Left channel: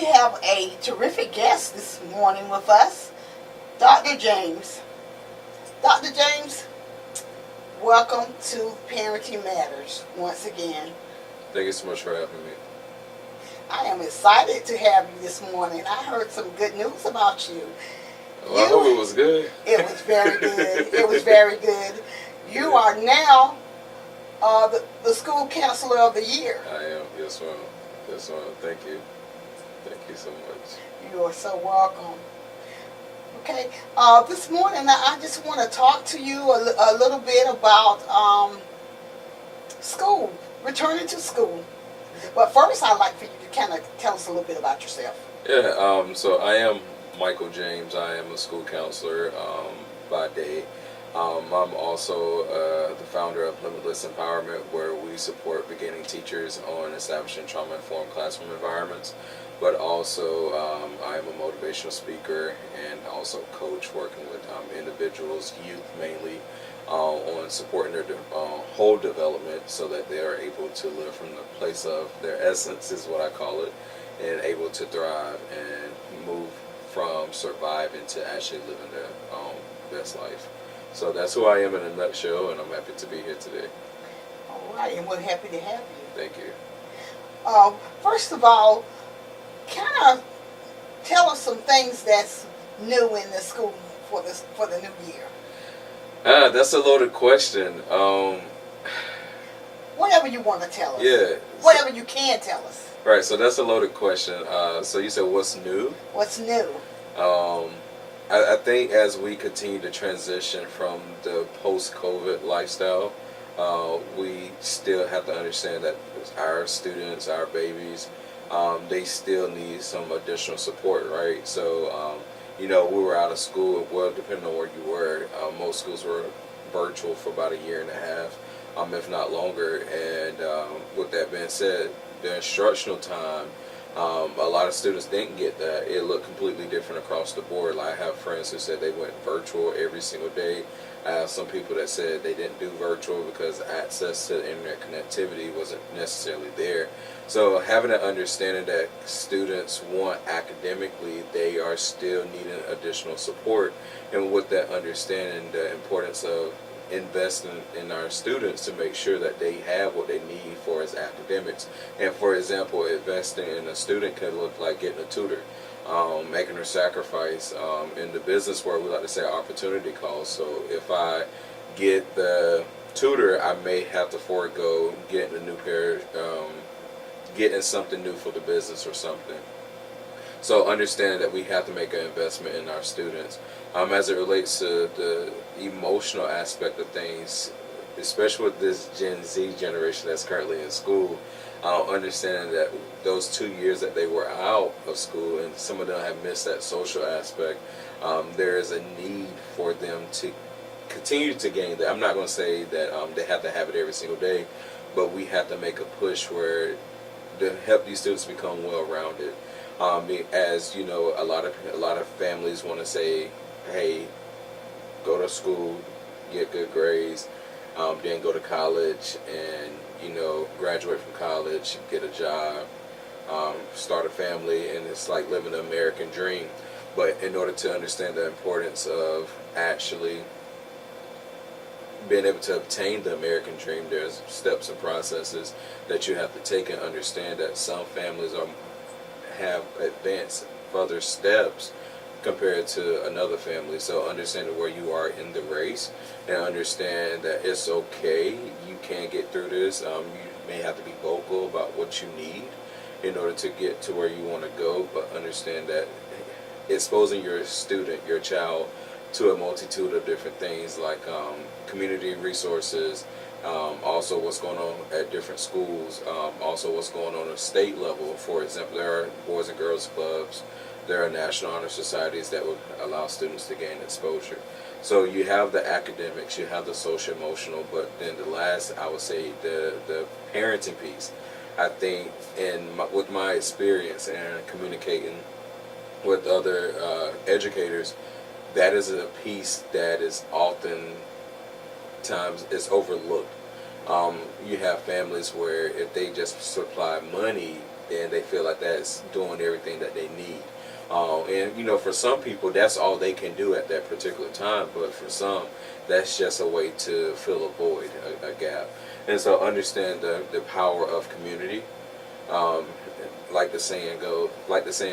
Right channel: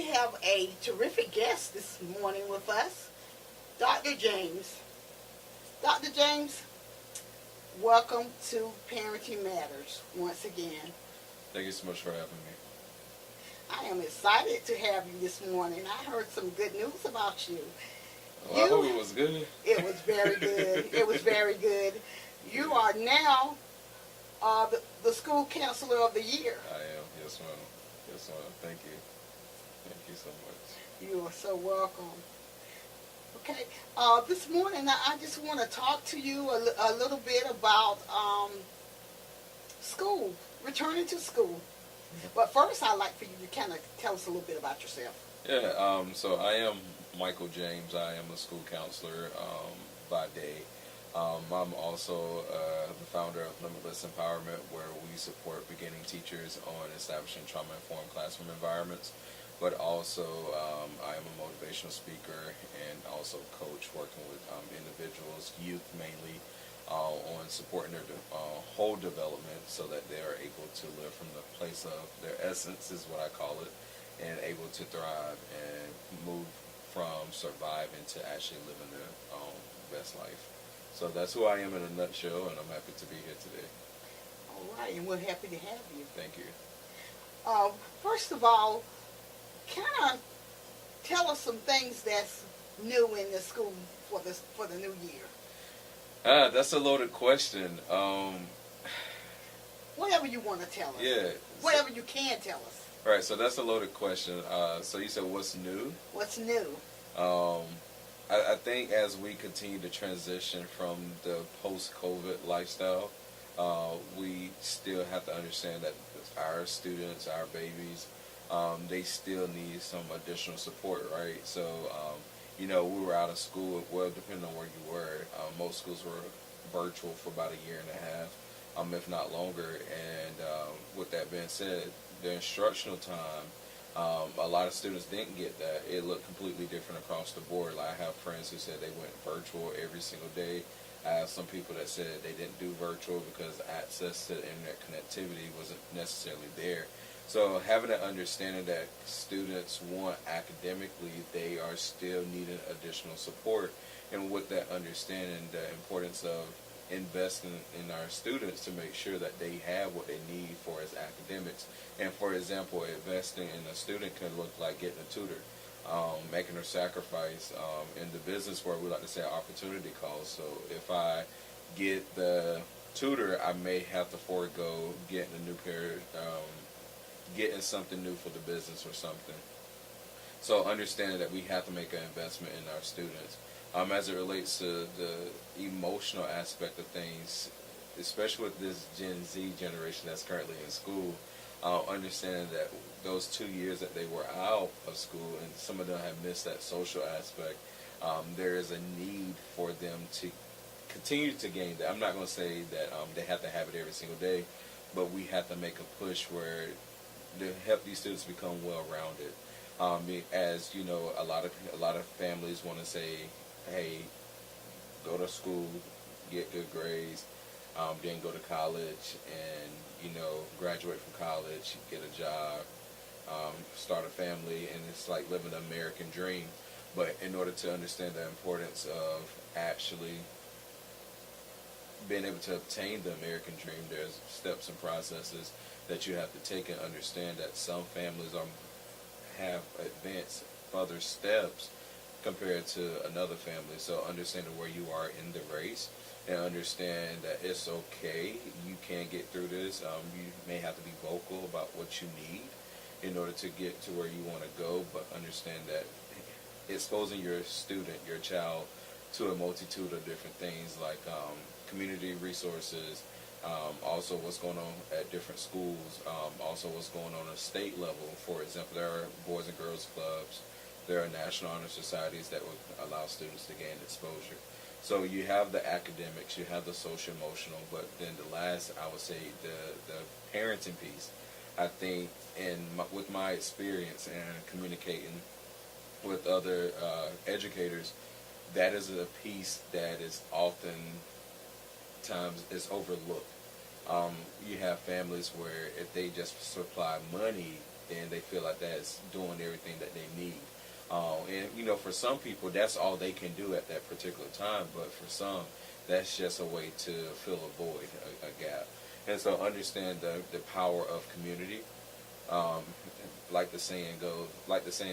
We have a terrific guest this morning with us, Dr. James. Dr. James, welcome to Parenting Matters once again. Thank you so much for having me. I am excited to have you this morning. I heard some good news about you. Well, I hope it was good. It was very good. It was very good. You are now the school counselor of the year. I am. Yes, ma'am. Yes, ma'am. Thank you. Thank you so much. You are so welcome. Okay. This morning I just want to talk to you a little bit about school, returning to school. But first, I'd like for you to kind of tell us a little bit about yourself. Yeah. So I am Michael James. I am a school counselor by day. I'm also the founder of Limitless Empowerment, where we support beginning teachers on establishing trauma-informed classroom environments. But also, I am a motivational speaker and also coach, working with individuals, youth mainly, on supporting their whole development so that they are able to live from the place of their essence, is what I call it, and able to thrive and move from surviving to actually living their best life. So that's who I am in a nutshell, and I'm happy to be here today. All right, and we're happy to have you. Thank you. First of all, kind of tell us some things that's new in the school for the new year. That's a loaded question. Whatever you want to tell us. Yeah. Whatever you can tell us. Right, so that's a loaded question. So you said what's new? What's new? I think as we continue to transition from the post-COVID lifestyle, we still have to understand that our students, our babies, they still need some additional support, right? So, we were out of school, well, depending on where you were, most schools were virtual for about a year and a half, if not longer. And with that being said, the instructional time, a lot of students didn't get that. It looked completely different across the board. Like, I have friends who said they went virtual every single day. I have some people that said they didn't do virtual because access to internet connectivity wasn't necessarily there. So having an understanding that students want academically, they are still needing additional support. And with that understanding, the importance of investing in our students to make sure that they have what they need for as academics. And for example, investing in a student can look like getting a tutor, making a sacrifice. In the business world, we like to say opportunity cost. So if I get the tutor, I may have to forego getting a new pair, getting something new for the business or something. So understanding that we have to make an investment in our students. As it relates to the emotional aspect of things, especially with this Gen Z generation that's currently in school, understanding that those 2 years that they were out of school, and some of them have missed that social aspect, there is a need for them to continue to gain that. I'm not going to say that they have to have it every single day, but we have to make a push where to help these students become well-rounded. As you know, a lot of families want to say, hey, go to school, get good grades, then go to college and, graduate from college, get a job, start a family, and it's like living the American dream. But in order to understand the importance of actually being able to obtain the American dream, there's steps and processes that you have to take, and understand that some families have advanced further steps compared to another family. So understanding where you are in the race, and understand that it's okay, you can get through this. You may have to be vocal about what you need in order to get to where you want to go, but understand that exposing your student, your child, to a multitude of different things like community resources, also what's going on at different schools, also what's going on at state level. For example, there are Boys and Girls Clubs, there are National Honor Societies that would allow students to gain exposure. So you have the academics, you have the social emotional, but then the last, I would say, the parenting piece. I think with my experience and communicating with other educators, that is a piece that is often times is overlooked. You have families where if they just supply money, then they feel like that's doing everything that they need. And you know, for some people, that's all they can do at that particular time. But for some, that's just a way to fill a void, a gap. And so, understand the power of community. Um, like the saying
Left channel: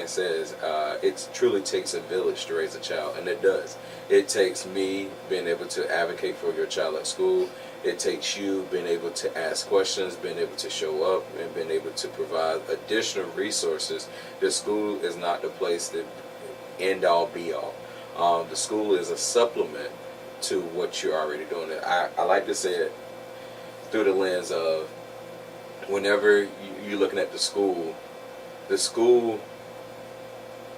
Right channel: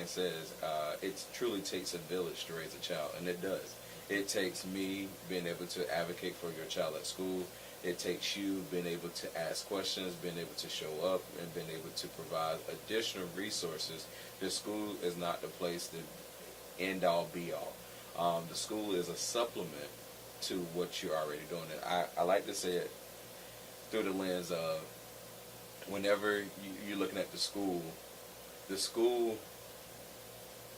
says, it truly takes a village to raise a child, and it does. It takes me being able to advocate for your child at school. It takes you being able to ask questions, being able to show up, and being able to provide additional resources. The school is not the place to end all be all. The school is a supplement to what you're already doing. I like to say it through the lens of whenever you're looking at the school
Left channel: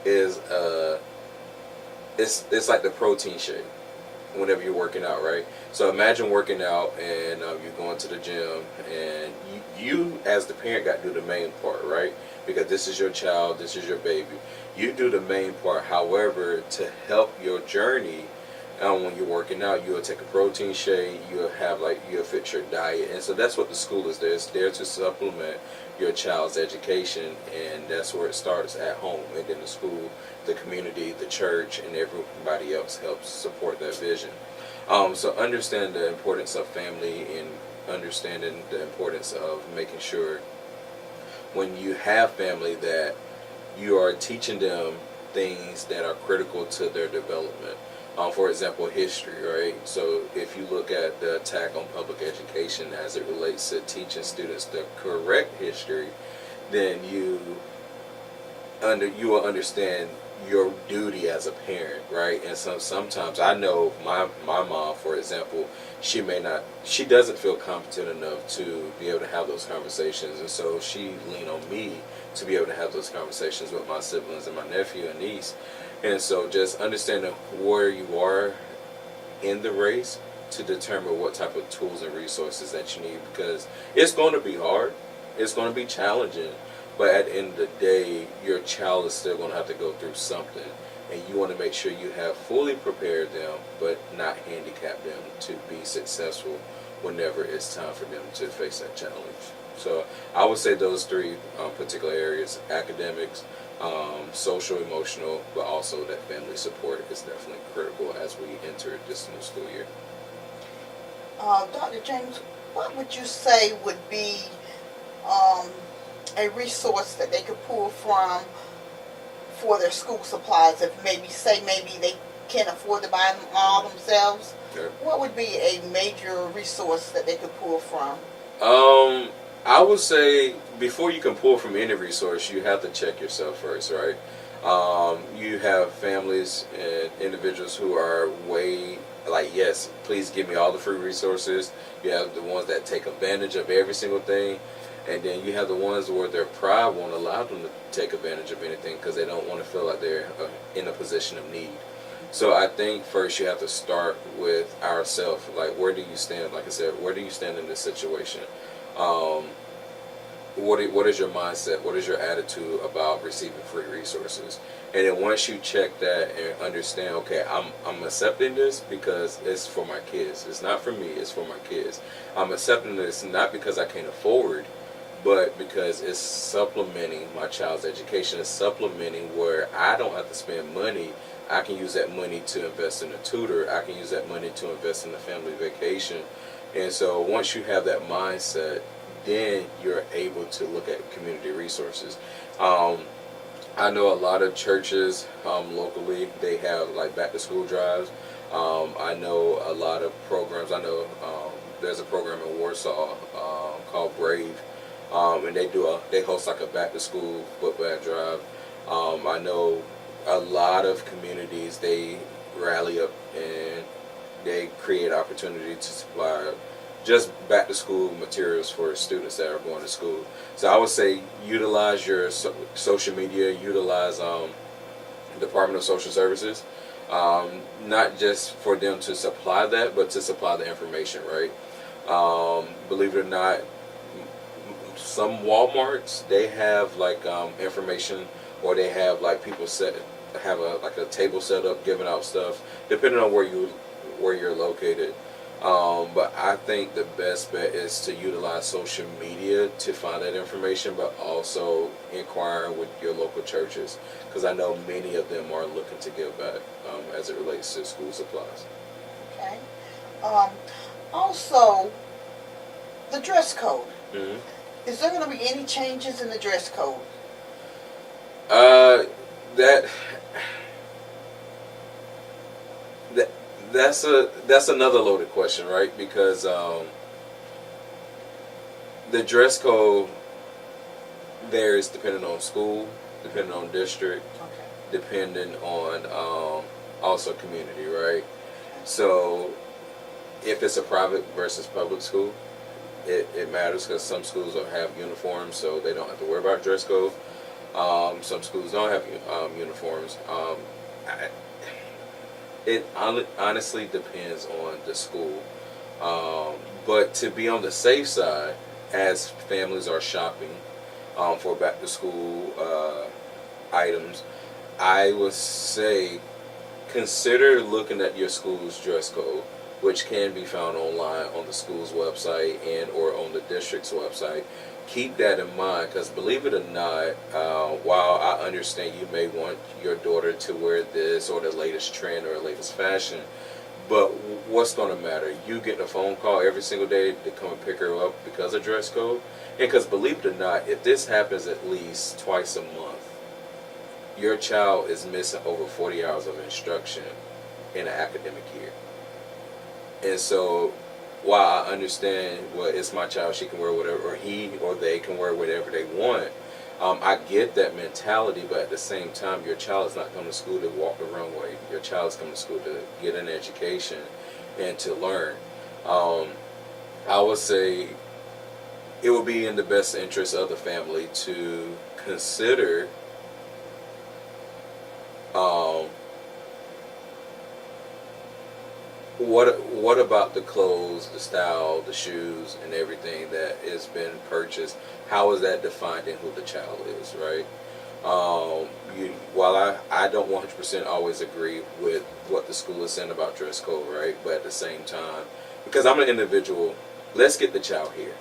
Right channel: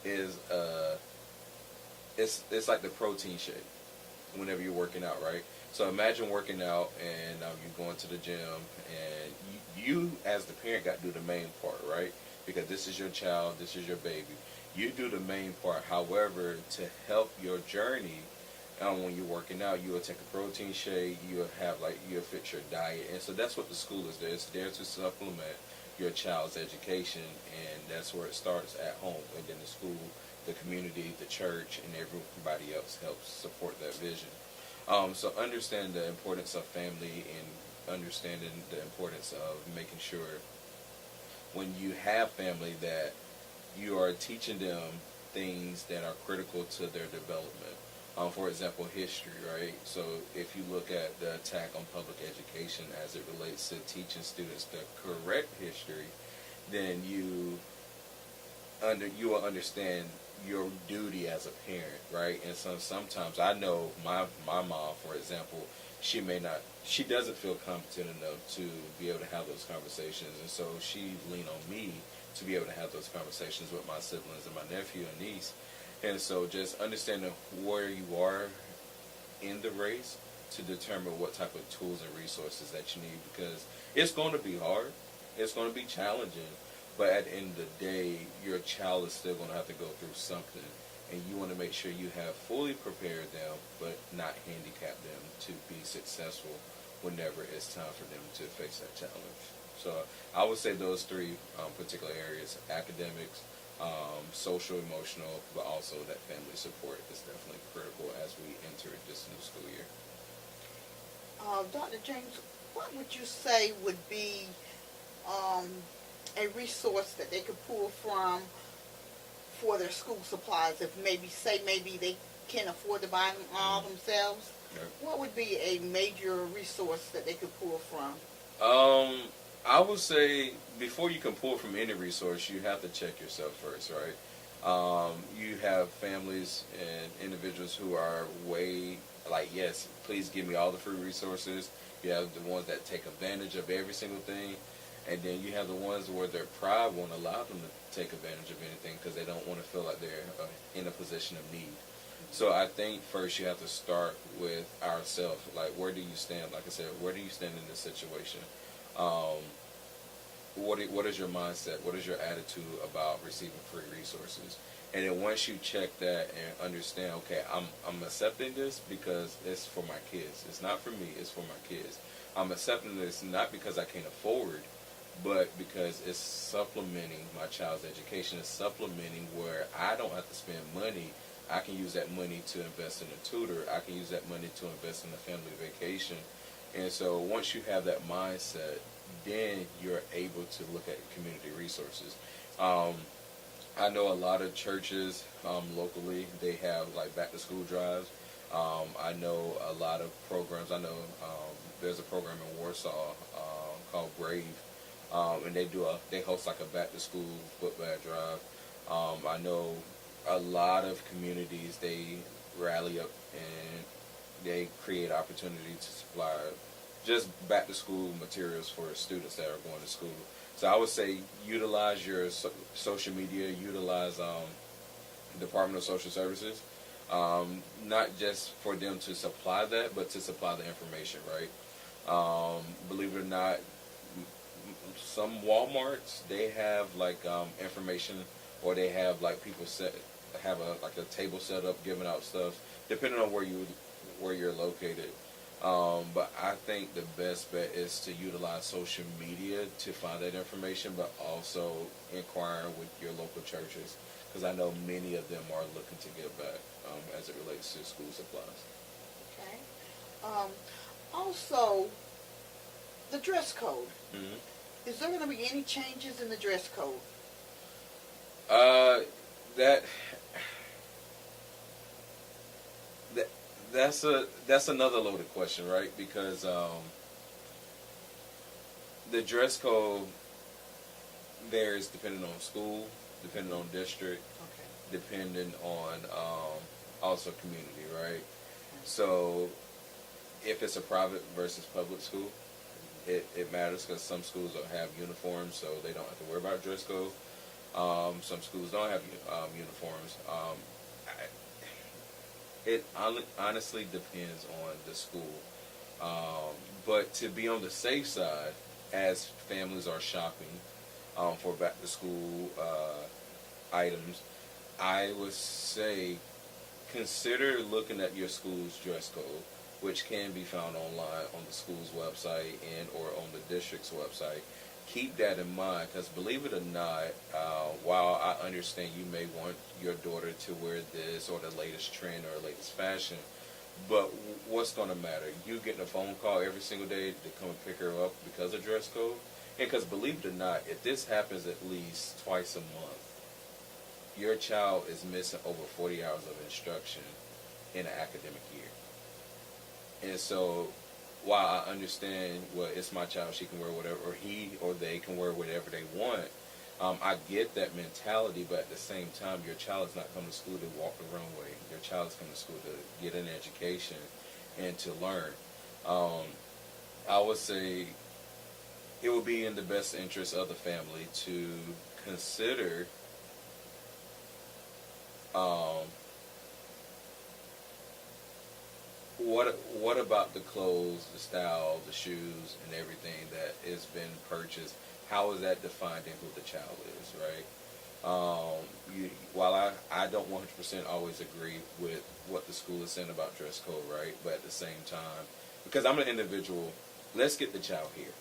is it's like the protein shake whenever you're working out, right? So imagine working out and you're going to the gym, and you as the parent got to do the main part, right? Because this is your child, this is your baby. You do the main part. However, to help your journey, when you're working out, you'll take a protein shake, you'll fix your diet. And so that's what the school is there. It's there to supplement your child's education, and that's where it starts, at home. And then the school, the community, the church, and everybody else helps support that vision. So understand the importance of family, and understanding the importance of making sure when you have family that you are teaching them things that are critical to their development. For example, history, right? So if you look at the attack on public education as it relates to teaching students the correct history, then you will understand your duty as a parent, right? And sometimes I know my mom, for example, she doesn't feel competent enough to be able to have those conversations, and so she leaned on me to be able to have those conversations with my siblings and my nephew and niece. And so just understanding where you are in the race to determine what type of tools and resources that you need, because it's going to be hard, it's going to be challenging, but at the end of the day, your child is still going to have to go through something, and you want to make sure you have fully prepared them, but not handicap them to be successful whenever it's time for them to face that challenge. So I would say those three particular areas: academics, social, emotional, but also that family support is definitely critical as we enter this new school year. Dr. James, what would you say would be um, a resource that they could pull from for their school supplies? If maybe they can't afford to buy them all themselves, Okay. what would be a major resource that they could pull from? I would say before you can pull from any resource, you have to check yourself first, right? You have families and individuals who are yes, please give me all the free resources. You have the ones that take advantage of every single thing. And then you have the ones where their pride won't allow them to take advantage of anything because they don't want to feel like they're in a position of need. So I think first you have to start with ourselves. Like, where do you stand? Like I said, where do you stand in this situation? What is your mindset? What is your attitude about receiving free resources? And then once you check that and understand, okay, I'm accepting this because it's for my kids. It's not for me. It's for my kids. I'm accepting this not because I can't afford, but because it's supplementing my child's education. It's supplementing where I don't have to spend money. I can use that money to invest in a tutor. I can use that money to invest in a family vacation. And so once you have that mindset, then you're able to look at community resources. I know a lot of churches locally, they have like back to school drives. I know a lot of programs. I know there's a program in Warsaw called Brave, and they host like a back to school book bag drive. I know a lot of communities, they rally up and they create opportunity to supply just back to school materials for students that are going to school. So I would say utilize your social media, utilize Department of Social Services, not just for them to supply that, but to supply the information, right? Believe it or not, some Walmarts, they have like information, or they have like people have a table set up giving out stuff, depending on where you're located. But I think the best bet is to utilize social media to find that information, but also inquiring with your local churches, because I know many of them are looking to give back as it relates to school supplies. Okay. Um, Also, the dress code. Hmm. Is there going to be any changes in the dress code? Uh, that that that's another loaded question, right? Because the dress code varies depending on school, depending on district, Okay. depending on also community, right? So if it's a private versus public school, it matters because some schools will have uniforms, so they don't have to worry about dress code. Some schools don't have uniforms. I, it honestly depends on the school. But to be on the safe side, as families are shopping for back to school items, I would say consider looking at your school's dress code, which can be found online on the school's website and or on the district's website. Keep that in mind, because believe it or not, while I understand you may want your daughter to wear this or the latest trend or latest fashion, but what's going to matter? You getting a phone call every single day to come and pick her up because of dress code? And because believe it or not, if this happens at least twice a month, your child is missing over 40 hours of instruction in an academic year. And so, while I understand, well, it's my child, she can wear whatever, or he or they can wear whatever they want, I get that mentality, but at the same time, your child is not coming to school to walk the runway. Your child is coming to school to get an education and to learn. Um, I would say it would be in the best interest of the family to consider um, what about the clothes, the style, the shoes, and everything that has been purchased? How is that defined in who the child is, right? While I don't 100% always agree with what the school is saying about dress code, right? But at the same time, because I'm an individual, let's get the child here.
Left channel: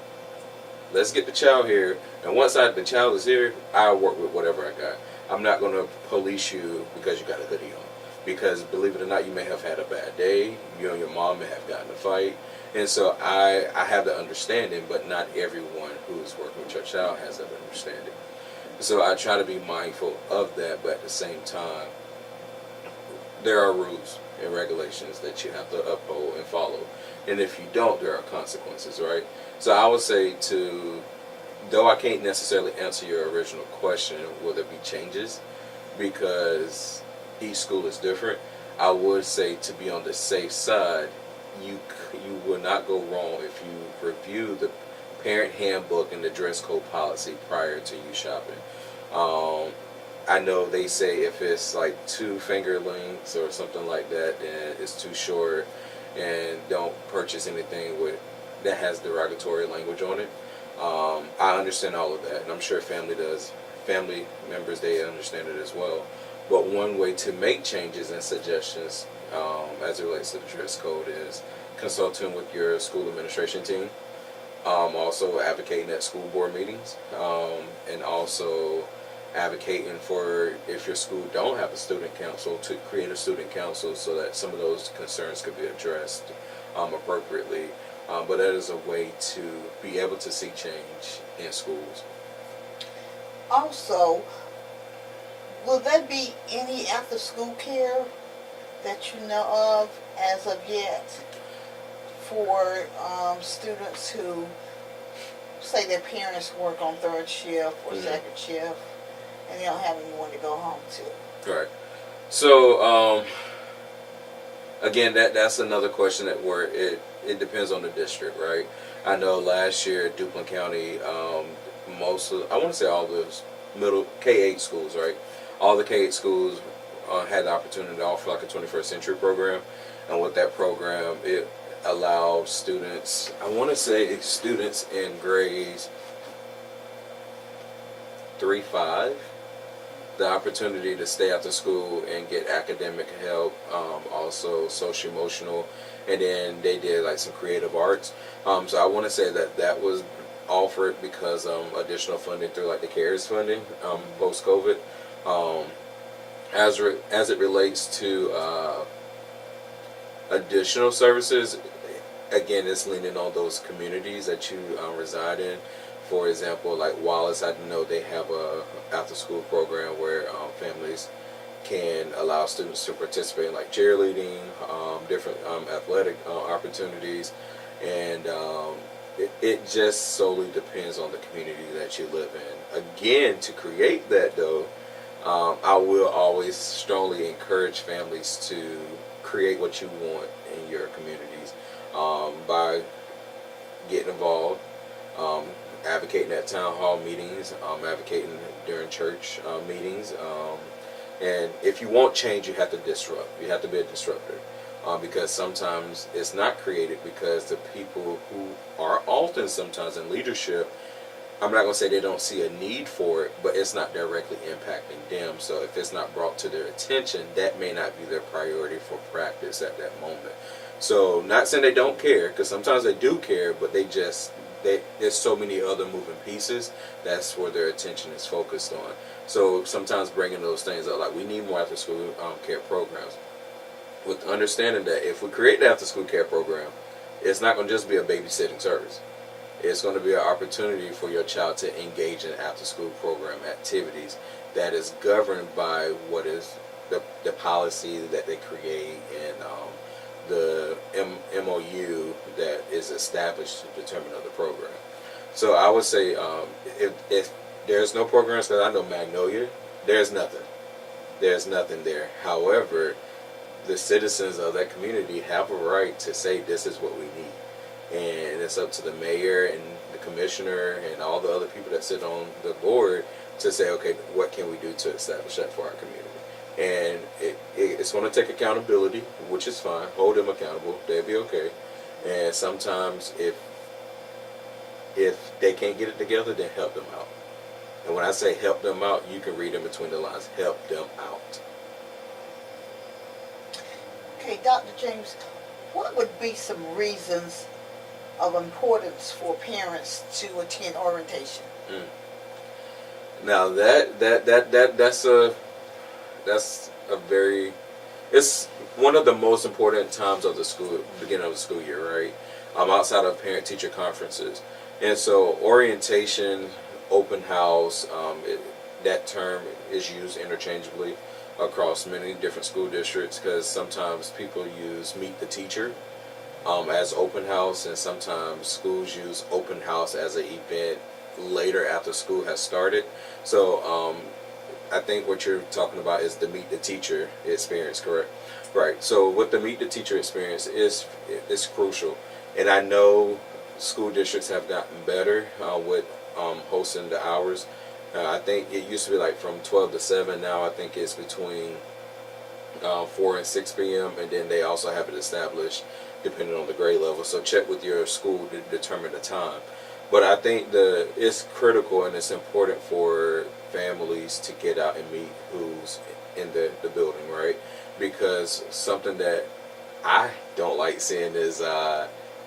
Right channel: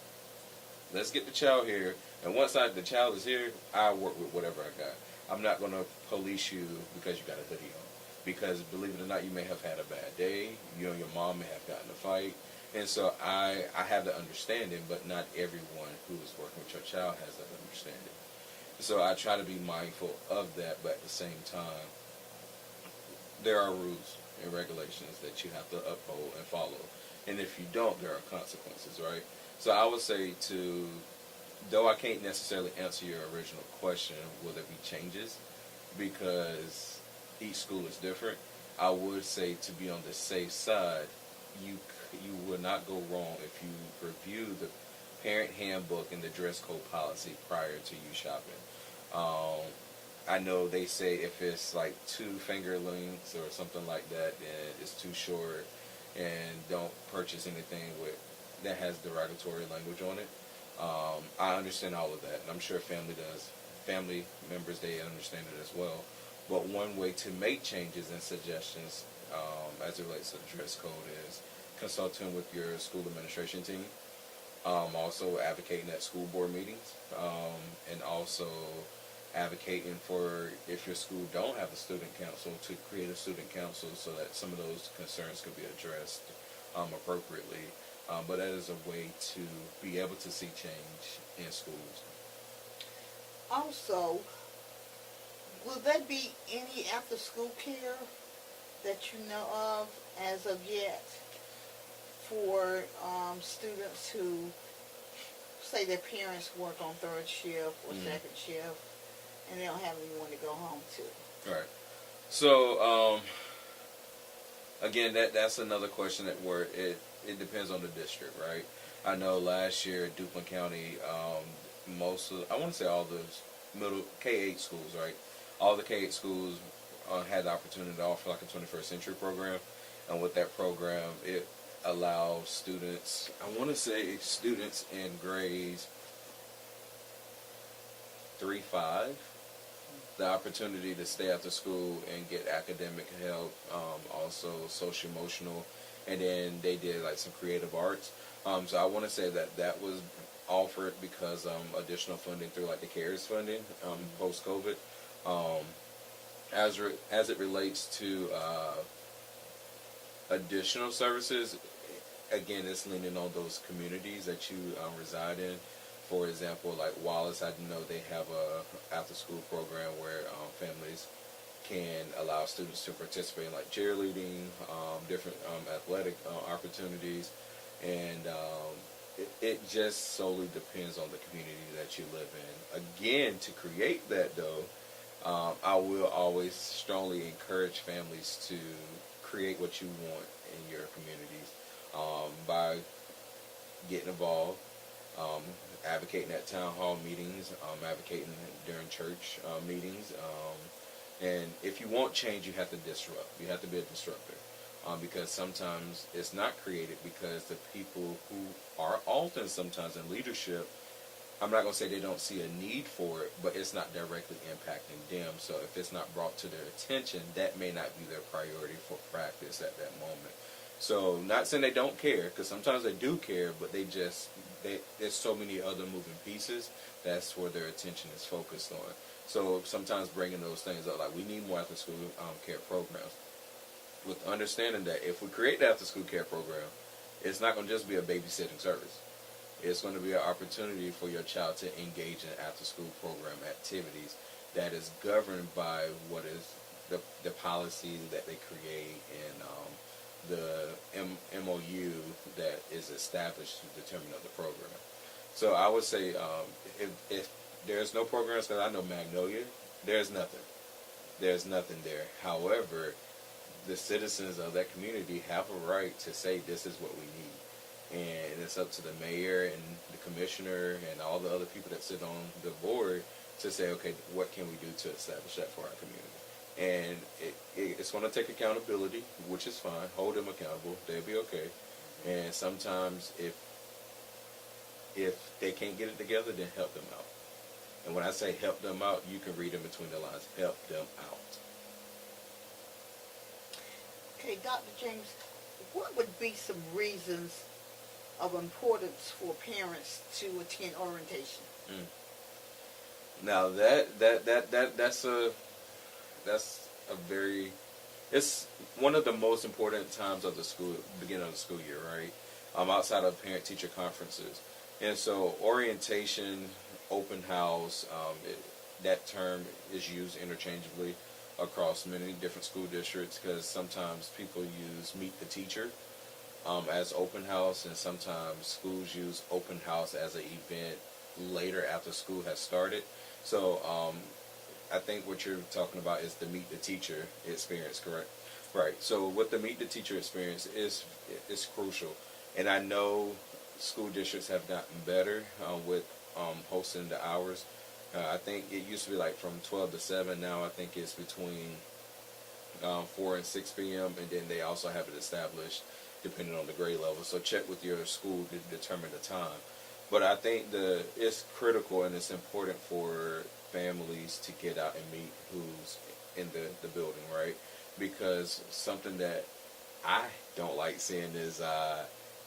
Let's get the child here, and once the child is here, I'll work with whatever I got. I'm not going to police you because you got a hoodie on. Because believe it or not, you may have had a bad day. You and your mom may have gotten in a fight. And so I have the understanding, but not everyone who is working with your child has that understanding. So I try to be mindful of that, but at the same time, there are rules and regulations that you have to uphold and follow. And if you don't, there are consequences, right? So I would say though I can't necessarily answer your original question, will there be changes? Because each school is different. I would say to be on the safe side, you will not go wrong if you review the parent handbook and the dress code policy prior to you shopping. I know they say if it's like 2 finger lengths or something like that, then it's too short, and don't purchase anything that has derogatory language on it. I understand all of that, and I'm sure family members, they understand it as well. But one way to make changes and suggestions as it relates to the dress code is consulting with your school administration team, also advocating at school board meetings, and also advocating for, if your school don't have a student council, to create a student council so that some of those concerns could be addressed appropriately. But that is a way to be able to see change in schools. Also, will there be any after-school care that you know of as of yet for students who say their parents work on third shift or second shift and they don't have anyone to go home to? Right. So again, that's another question where it depends on the district, right? I know last year at Duplin County, I want to say all the middle K-8 schools, right? All the K-8 schools had the opportunity to offer like a 21st century program, and with that program, it allowed students, I want to say students in grades 3-5, the opportunity to stay after school and get academic help, also social emotional, and then they did like some creative arts. So I want to say that that was offered because additional funding through like the CARES funding post COVID. Um, as it relates to additional services, again, it's leaning on those communities that you reside in. For example, like Wallace, I know they have a after school program where families can allow students to participate in like cheerleading, different athletic opportunities, and it just solely depends on the community that you live in. Again, to create that though, I will always strongly encourage families to create what you want in your communities by getting involved, advocating at town hall meetings, advocating during church meetings. And if you want change, you have to disrupt. You have to be a disruptor. Because sometimes it's not created because the people who are often sometimes in leadership, I'm not going to say they don't see a need for it, but it's not directly impacting them. So if it's not brought to their attention, that may not be their priority for practice at that moment. So not saying they don't care, because sometimes they do care, but there's so many other moving pieces. That's where their attention is focused on. So sometimes bringing those things up, like we need more after school care programs, with the understanding that if we create the after school care program, it's not going to just be a babysitting service. It's going to be an opportunity for your child to engage in after school program activities that is governed by what is the policy that they create and the MOU that is established to determine the program. So I would say if there's no programs, because I know Magnolia, there's nothing. There's nothing there. However, the citizens of that community have a right to say this is what we need. And it's up to the mayor and the commissioner and all the other people that sit on the board to say, okay, what can we do to establish that for our community? And it's going to take accountability, which is fine. Hold them accountable. They'll be okay. And sometimes if they can't get it together, then help them out. And when I say help them out, you can read in between the lines. Help them out. Okay, Dr. James, what would be some reasons of importance for parents to attend orientation? Now that's a very, it's one of the most important times of the school, beginning of the school year, right? Outside of parent teacher conferences. And so orientation, open house, that term is used interchangeably across many different school districts, because sometimes people use meet the teacher as open house, and sometimes schools use open house as an event later after school has started. So I think what you're talking about is the meet the teacher experience, correct? Right. So with the meet the teacher experience is crucial, and I know school districts have gotten better with hosting the hours. I think it used to be like from 12 to 7. Now I think it's between 4 and 6 p.m. And then they also have it established depending on the grade level. So check with your school to determine the time. But I think it's critical and it's important for families to get out and meet who's in the building, right? Because something that I don't like seeing is I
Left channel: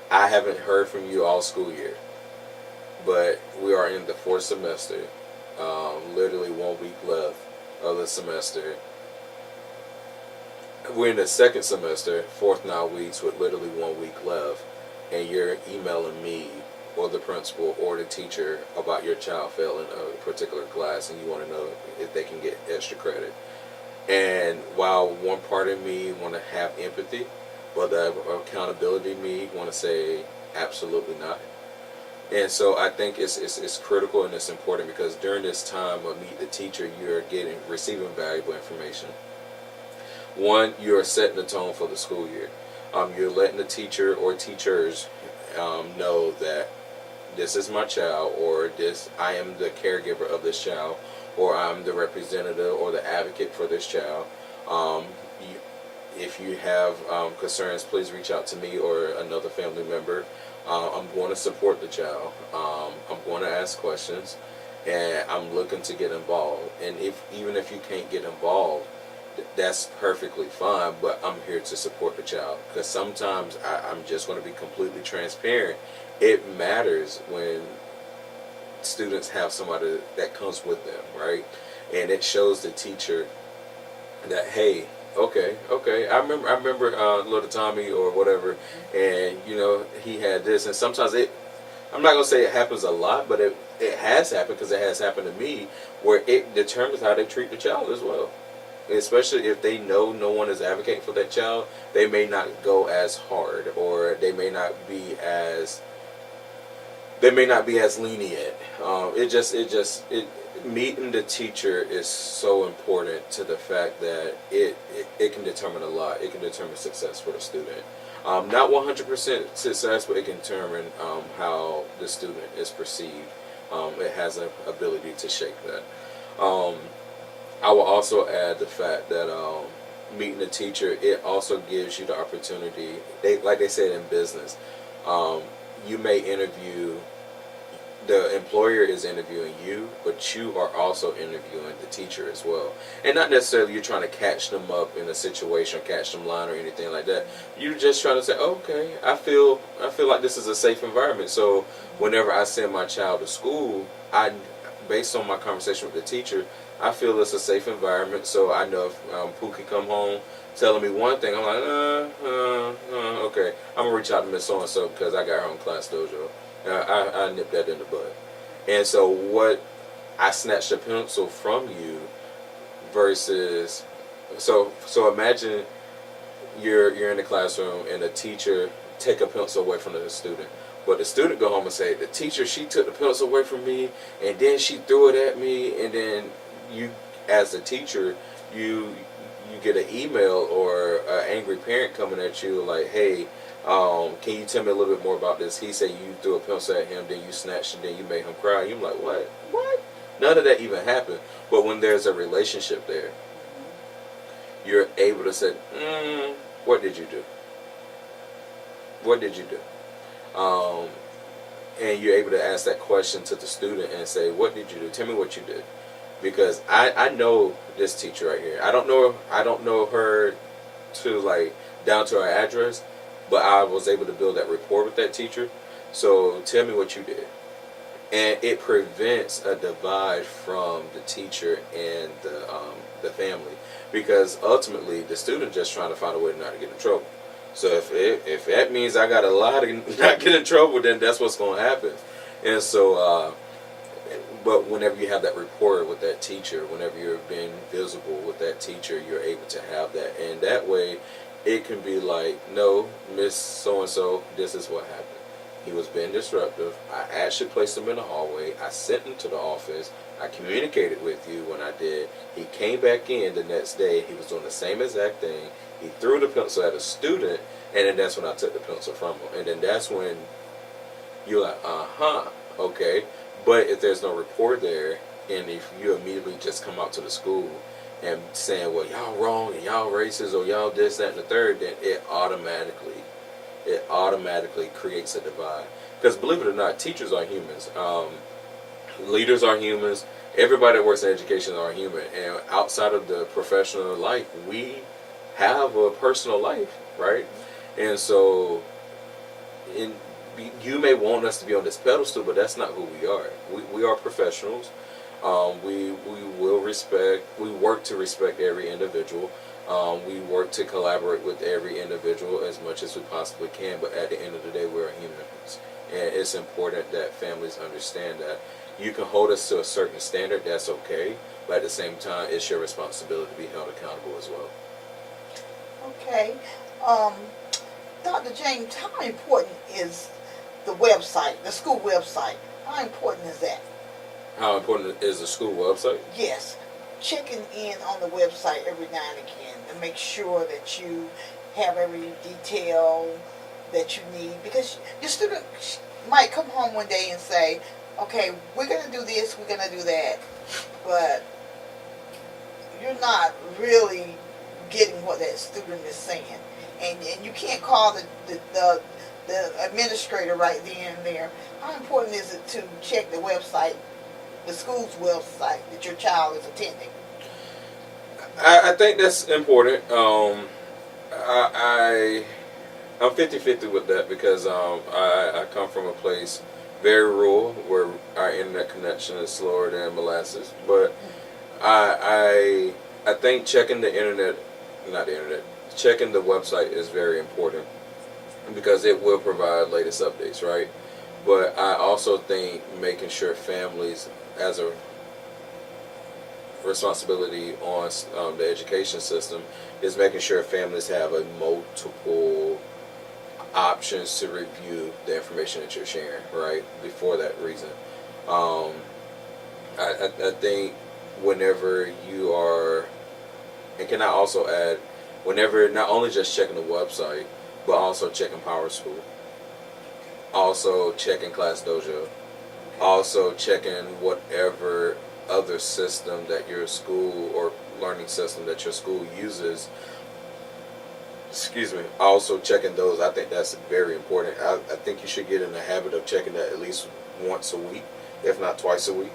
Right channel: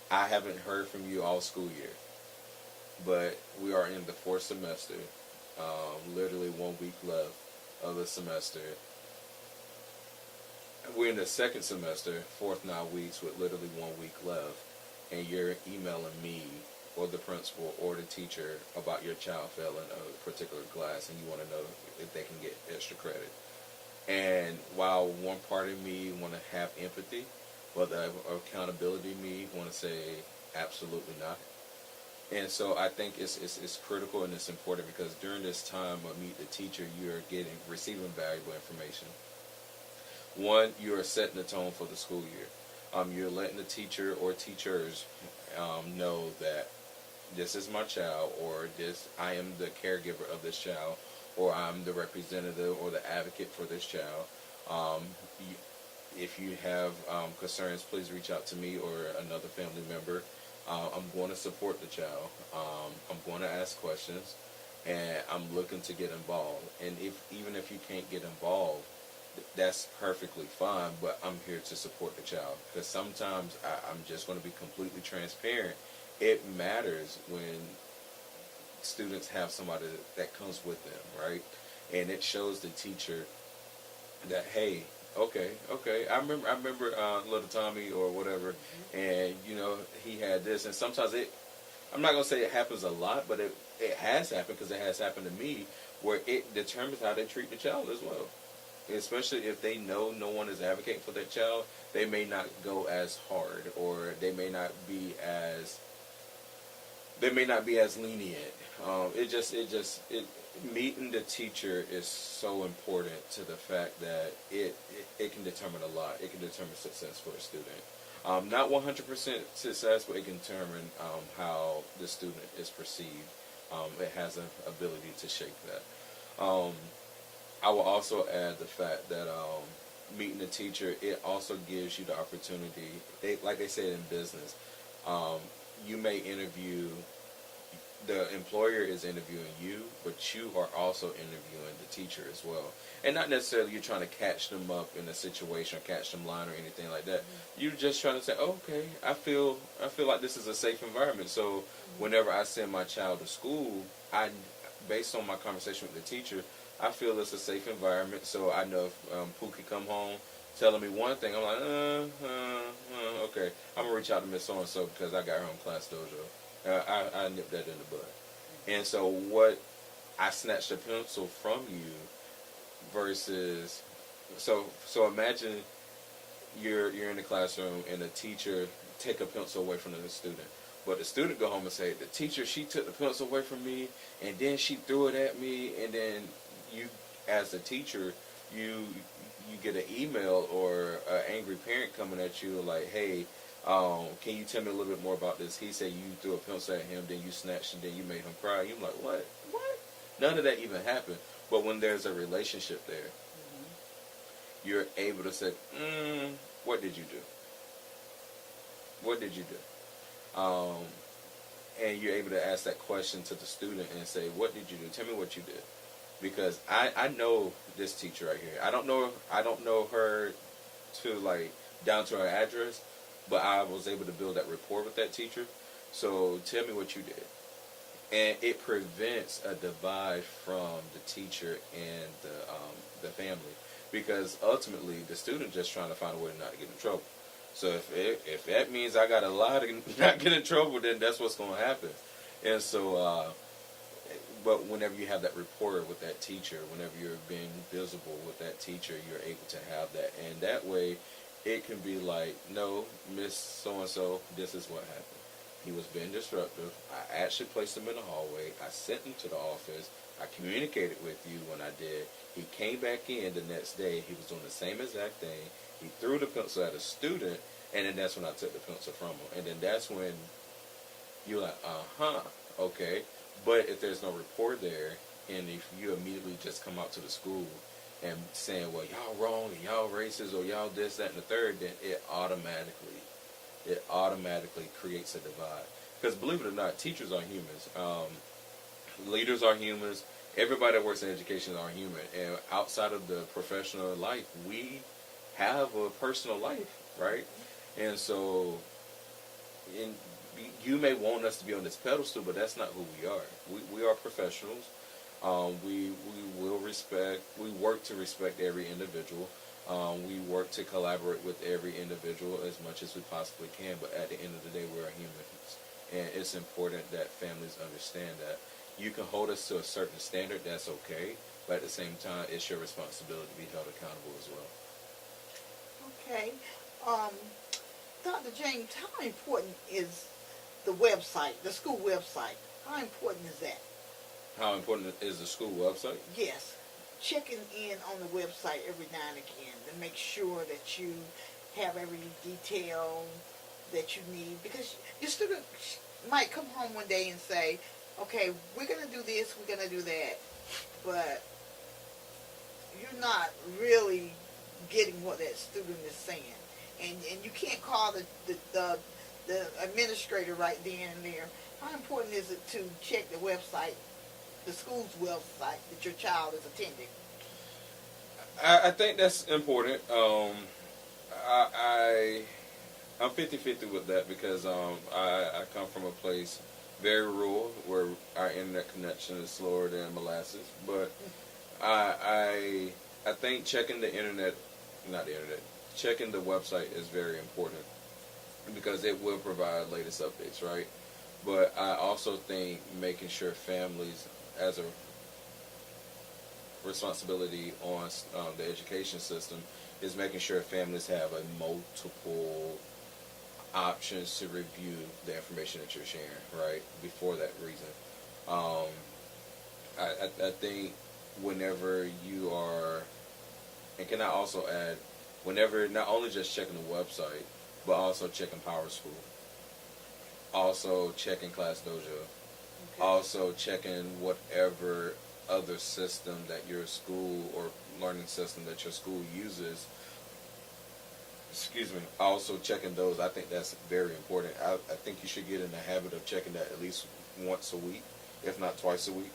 haven't heard from you all school year, but we are in the 4th semester. Literally 1 week left of the semester. We're in the 2nd semester, 4th now weeks with literally 1 week left, and you're emailing me or the principal or the teacher about your child failing a particular class, and you want to know if they can get extra credit. And while one part of me want to have empathy, but the accountability me want to say absolutely not. And so I think it's critical and it's important, because during this time of meet the teacher, you're receiving valuable information. One, you're setting the tone for the school year. You're letting the teacher or teachers know that this is my child, or I am the caregiver of this child, or I'm the representative or the advocate for this child. If you have concerns, please reach out to me or another family member. I'm going to support the child. I'm going to ask questions, and I'm looking to get involved. And even if you can't get involved, that's perfectly fine, but I'm here to support the child. Because sometimes I'm just going to be completely transparent. It matters when students have somebody that comes with them, right? And it shows the teacher that, hey, okay, I remember little Tommy or whatever, and he had this, and sometimes I'm not gonna say it happens a lot, but it has happened, because it has happened to me, where it determines how they treat the child as well. Especially if they know no one is advocating for that child, they may not go as hard, or they may not be as lenient. It meeting the teacher is so important to the fact that it can determine a lot. It can determine success for the student. Not 100% success, but it can determine how the student is perceived. It has an ability to shape that. I will also add the fact that meeting the teacher, it also gives you the opportunity. Like they said in business, you may interview. The employer is interviewing you, but you are also interviewing the teacher as well. And not necessarily you're trying to catch them up in a situation, or catch them lying or anything like that. You're just trying to say, okay, I feel like this is a safe environment. So whenever I send my child to school, based on my conversation with the teacher, I feel it's a safe environment. So I know if Pooh can come home telling me one thing, I'm like, okay, I'm gonna reach out to Miss So and So because I got her on Class Dojo. I nipped that in the bud. And so I snatched a pencil from you versus, so imagine you're in the classroom and the teacher take a pencil away from the student. But the student go home and say, the teacher, she took the pencil away from me, and then she threw it at me, and then you, as the teacher, you get an email or an angry parent coming at you like, hey, can you tell me a little bit more about this? He said you threw a pencil at him, then you snatched it, then you made him cry. You're like, what? None of that even happened. But when there's a relationship there, you're able to say, what did you do? What did you do? And you're able to ask that question to the student and say, what did you do? Tell me what you did. Because I know this teacher right here. I don't know her to like down to her address, but I was able to build that rapport with that teacher. So tell me what you did. And it prevents a divide from the teacher and the family, because ultimately the student just trying to find a way not to get in trouble. So if that means I got to lie to not get in trouble, then that's what's going to happen. And so, but whenever you have that rapport with that teacher, whenever you're being visible with that teacher, you're able to have that. And that way, it can be like, no, Miss So-and-so, this is what happened. He was being disruptive. I actually placed him in the hallway. I sent him to the office. I communicated with you when I did. He came back in the next day. He was doing the same exact thing. He threw the pencil at a student, and then that's when I took the pencil from him. And then that's when you're like, okay. But if there's no rapport there, and if you immediately just come out to the school and saying, well, y'all wrong, and y'all racist, or y'all this, that, and the third, then it automatically creates a divide. Because believe it or not, teachers are humans. Leaders are humans. Everybody that works in education are human. And outside of the professional life, we have a personal life, right? And so, you may want us to be on this pedestal, but that's not who we are. We are professionals. We work to respect every individual. We work to collaborate with every individual as much as we possibly can, but at the end of the day, we're humans. And it's important that families understand that. You can hold us to a certain standard, that's okay, but at the same time, it's your responsibility to be held accountable as well. Okay. Dr. James, how important is the website, the school website? How important is that? How important is the school website? Yes. Checking in on the website every now and again to make sure that you have every detail that you need. Because your student might come home one day and say, okay, we're going to do this, we're going to do that, but you're not really getting what that student is saying. And you can't call the administrator right then and there. How important is it to check the website, the school's website that your child is attending? I think that's important. I'm 50-50 with that because I come from a place very rural where our internet connection is slower than molasses. But I think checking the internet, not the internet, checking the website is very important because it will provide latest updates, right? But I also think making sure families, as a responsibility on the education system, is making sure families have a multiple options to review the information that you're sharing, right? Before that reason, um, I think whenever you are, and can I also add, whenever not only just checking the website, but also checking Power School, also checking Class Dojo, also checking whatever other system that your school or learning system that your school uses. Excuse me. Also checking those. I think that's very important. I think you should get in the habit of checking that at least once a week, if not twice a week.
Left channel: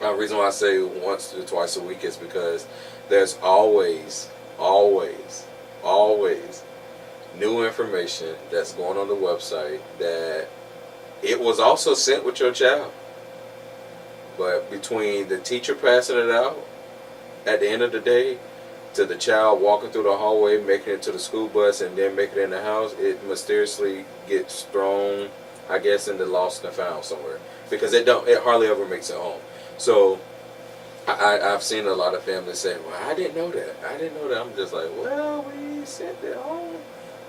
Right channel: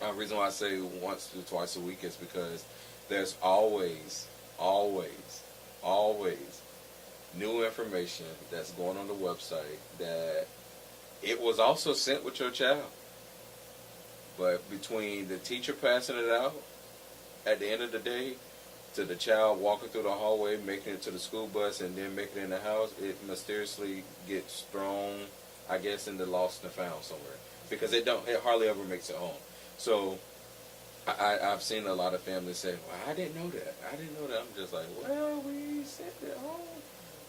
The reason why I say once to twice a week is because there's always new information that's going on the website that it was also sent with your child. But between the teacher passing it out at the end of the day to the child walking through the hallway, making it to the school bus, and then making it in the house, it mysteriously gets thrown, I guess, in the lost and found somewhere. Because it hardly ever makes it home. So I've seen a lot of families say, well, I didn't know that. I'm just like, well, we sent it home.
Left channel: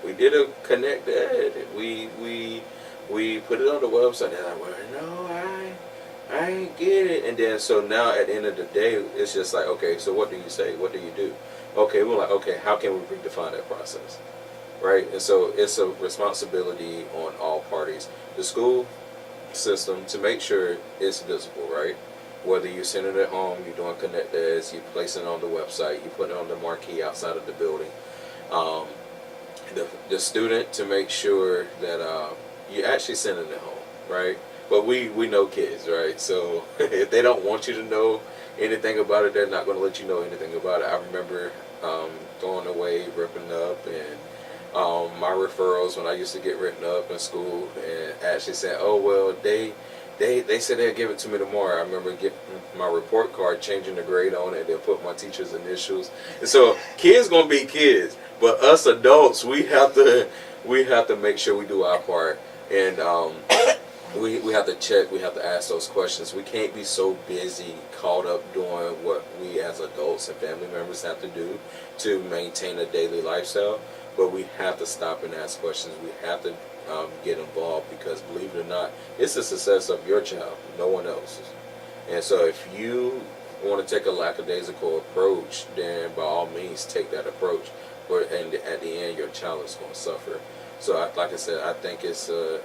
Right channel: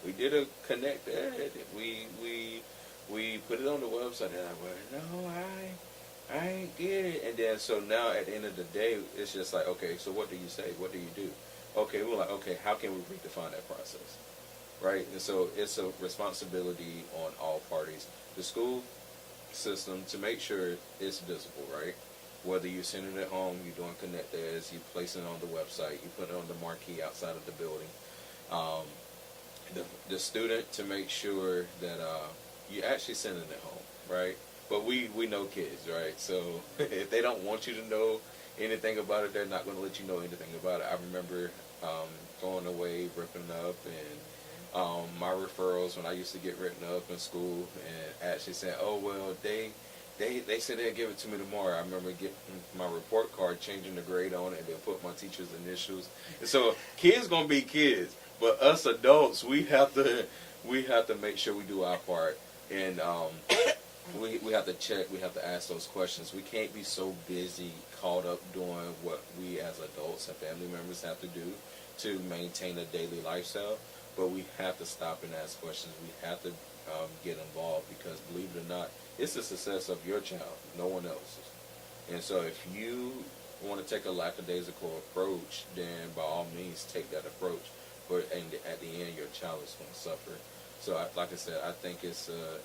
We did a connect ed. We put it on the website. They're like, well, no, I ain't get it. And then so now at the end of the day, it's just like, okay, so what do you say? What do you do? Okay, we're like, okay, how can we redefine that process? Right? And so it's a responsibility on all parties. The school system to make sure it's visible, right? Whether you're sending it home, you're doing connect eds, you're placing it on the website, you put it on the marquee outside of the building. Um, the student to make sure that you're actually sending it home, right? But we know kids, right? So if they don't want you to know anything about it, they're not going to let you know anything about it. I remember going away, ripping up, and my referrals when I used to get written up in school, and actually saying, "Oh well, they said they'll give it to me tomorrow." I remember getting my report card, changing the grade on it, they'll put my teacher's initials. And so kids gonna be kids, but us adults, we have to make sure we do our part, and we have to check, we have to ask those questions. We can't be so busy, caught up doing what we as adults and family members have to do to maintain a daily lifestyle. But we have to stop and ask questions. We have to get involved because, believe it or not, it's the success of your child, no one else's. And so if you want to take a lackadaisical approach, then by all means take that approach. But and at the end, your child is going to suffer. So, like I said, I think it's a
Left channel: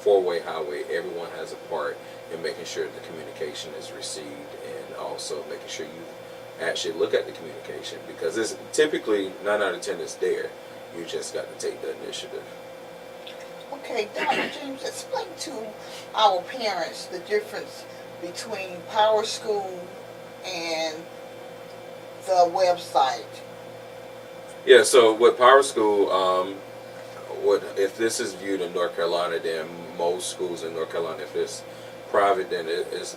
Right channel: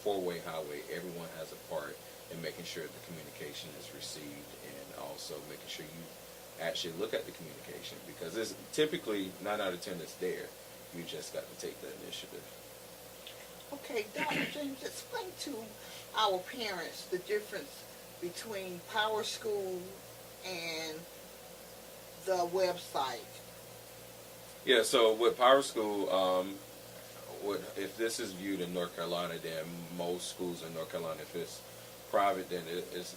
four-way highway. Everyone has a part in making sure the communication is received, and also making sure you actually look at the communication, because it's typically 9 out of 10 is there. You just got to take the initiative. Okay, Dr. James, explain to our parents the difference between Power School and the website. Yeah, so with Power School, if this is viewed in North Carolina, then most schools in North Carolina, if it's private, then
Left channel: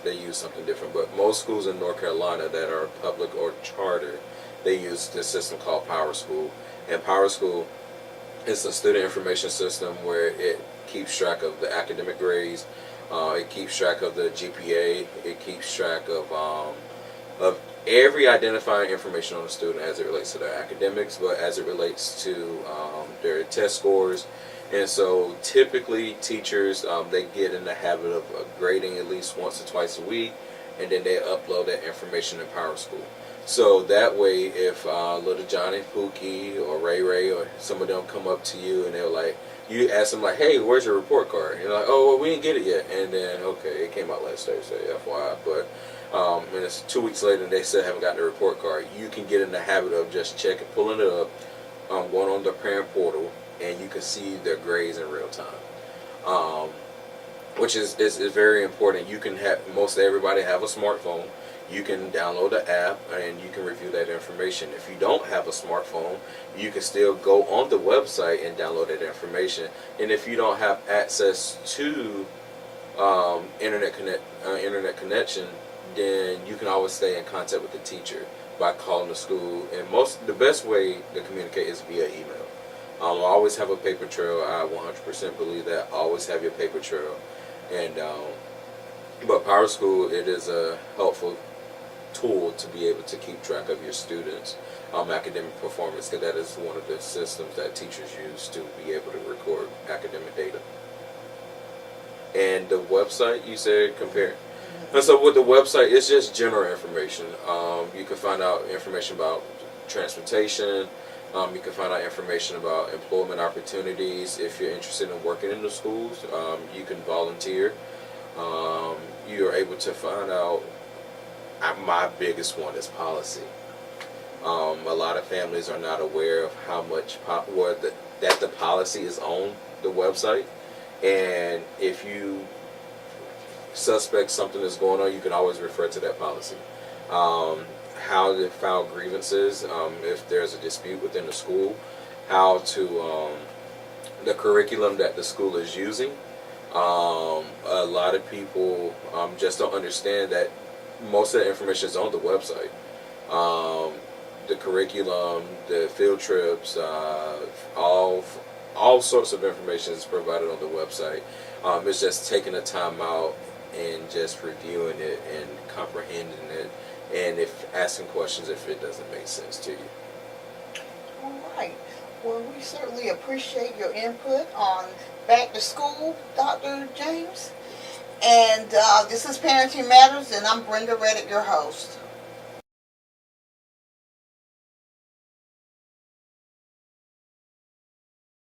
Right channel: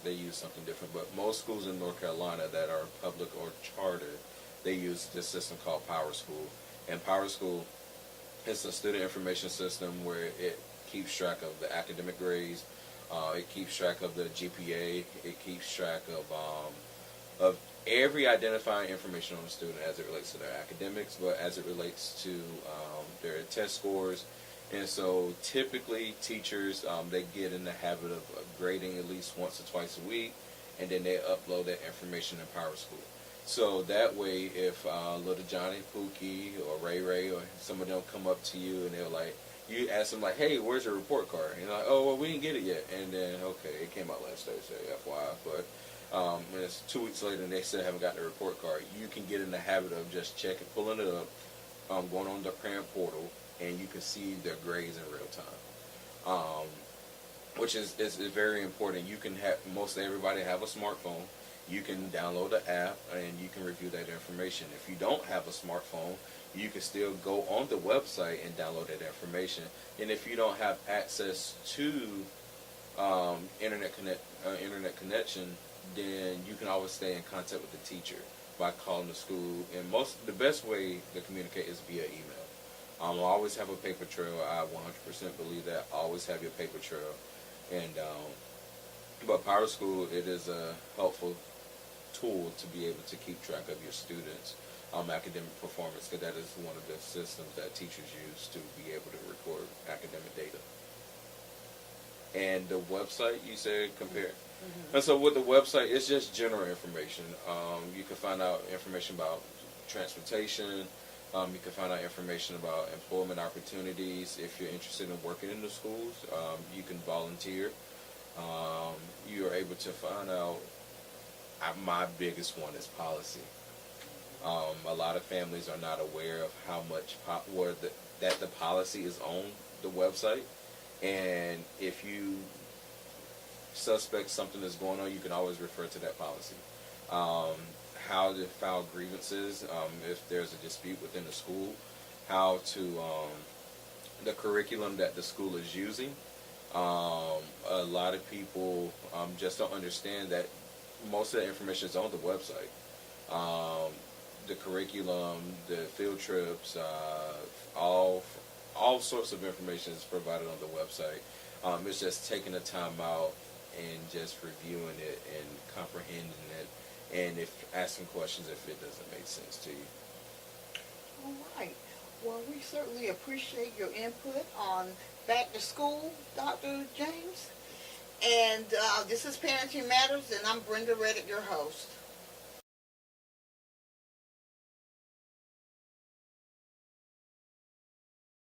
they use something different. But most schools in North Carolina that are public or charter, they use this system called Power School. And Power School is a student information system where it keeps track of the academic grades, it keeps track of the GPA, it keeps track of every identifying information on the student as it relates to their academics, but as it relates to their test scores. And so typically teachers, they get in the habit of grading at least once or twice a week, and then they upload that information in Power School. So that way, if little Johnny, Pookie, or Ray Ray, or some of them come up to you and they're like, you ask them like, "Hey, where's your report card?" And you're like, "Oh, well, we didn't get it yet." And then, okay, it came out last Thursday, FYI. But and it's 2 weeks later and they still haven't gotten the report card. You can get in the habit of just checking, pulling it up, going on the parent portal, and you can see their grades in real time, which is very important. You can have, most everybody have a smartphone. you can download the app and you can review that information. If you don't have a smartphone, you can still go on the website and download that information. And if you don't have access to internet connection, then you can always stay in contact with the teacher by calling the school. And the best way to communicate is via email. I always have a paper trail. I 100% believe that. Always have your paper trail. And but Power School, it is a helpful tool to be able to keep track of your students' academic performance, because that is one of the systems that teachers use to be able to record academic data. And the website, you said, compare. And so with the website, it's just general information. You can find out information about transportation. You can find out information about employment opportunities. If you're interested in working in the schools, you can volunteer. You are able to find out. My biggest one is policy. A lot of families are not aware of how much that the policy is on the website. And if you suspect something is going on, you can always refer to that policy. How to file grievances if there's a dispute within the school. How to the curriculum that the school is using. A lot of people just don't understand that most of the information is on the website. The curriculum, the field trips, all sorts of information is provided on the website. It's just taking the time out and just reviewing it and comprehending it, and if asking questions if it doesn't make sense to you. All right. Well, we certainly appreciate your input on Back to School, Dr. James. And this is Parenting Matters, and I'm Brenda Reddick, your host.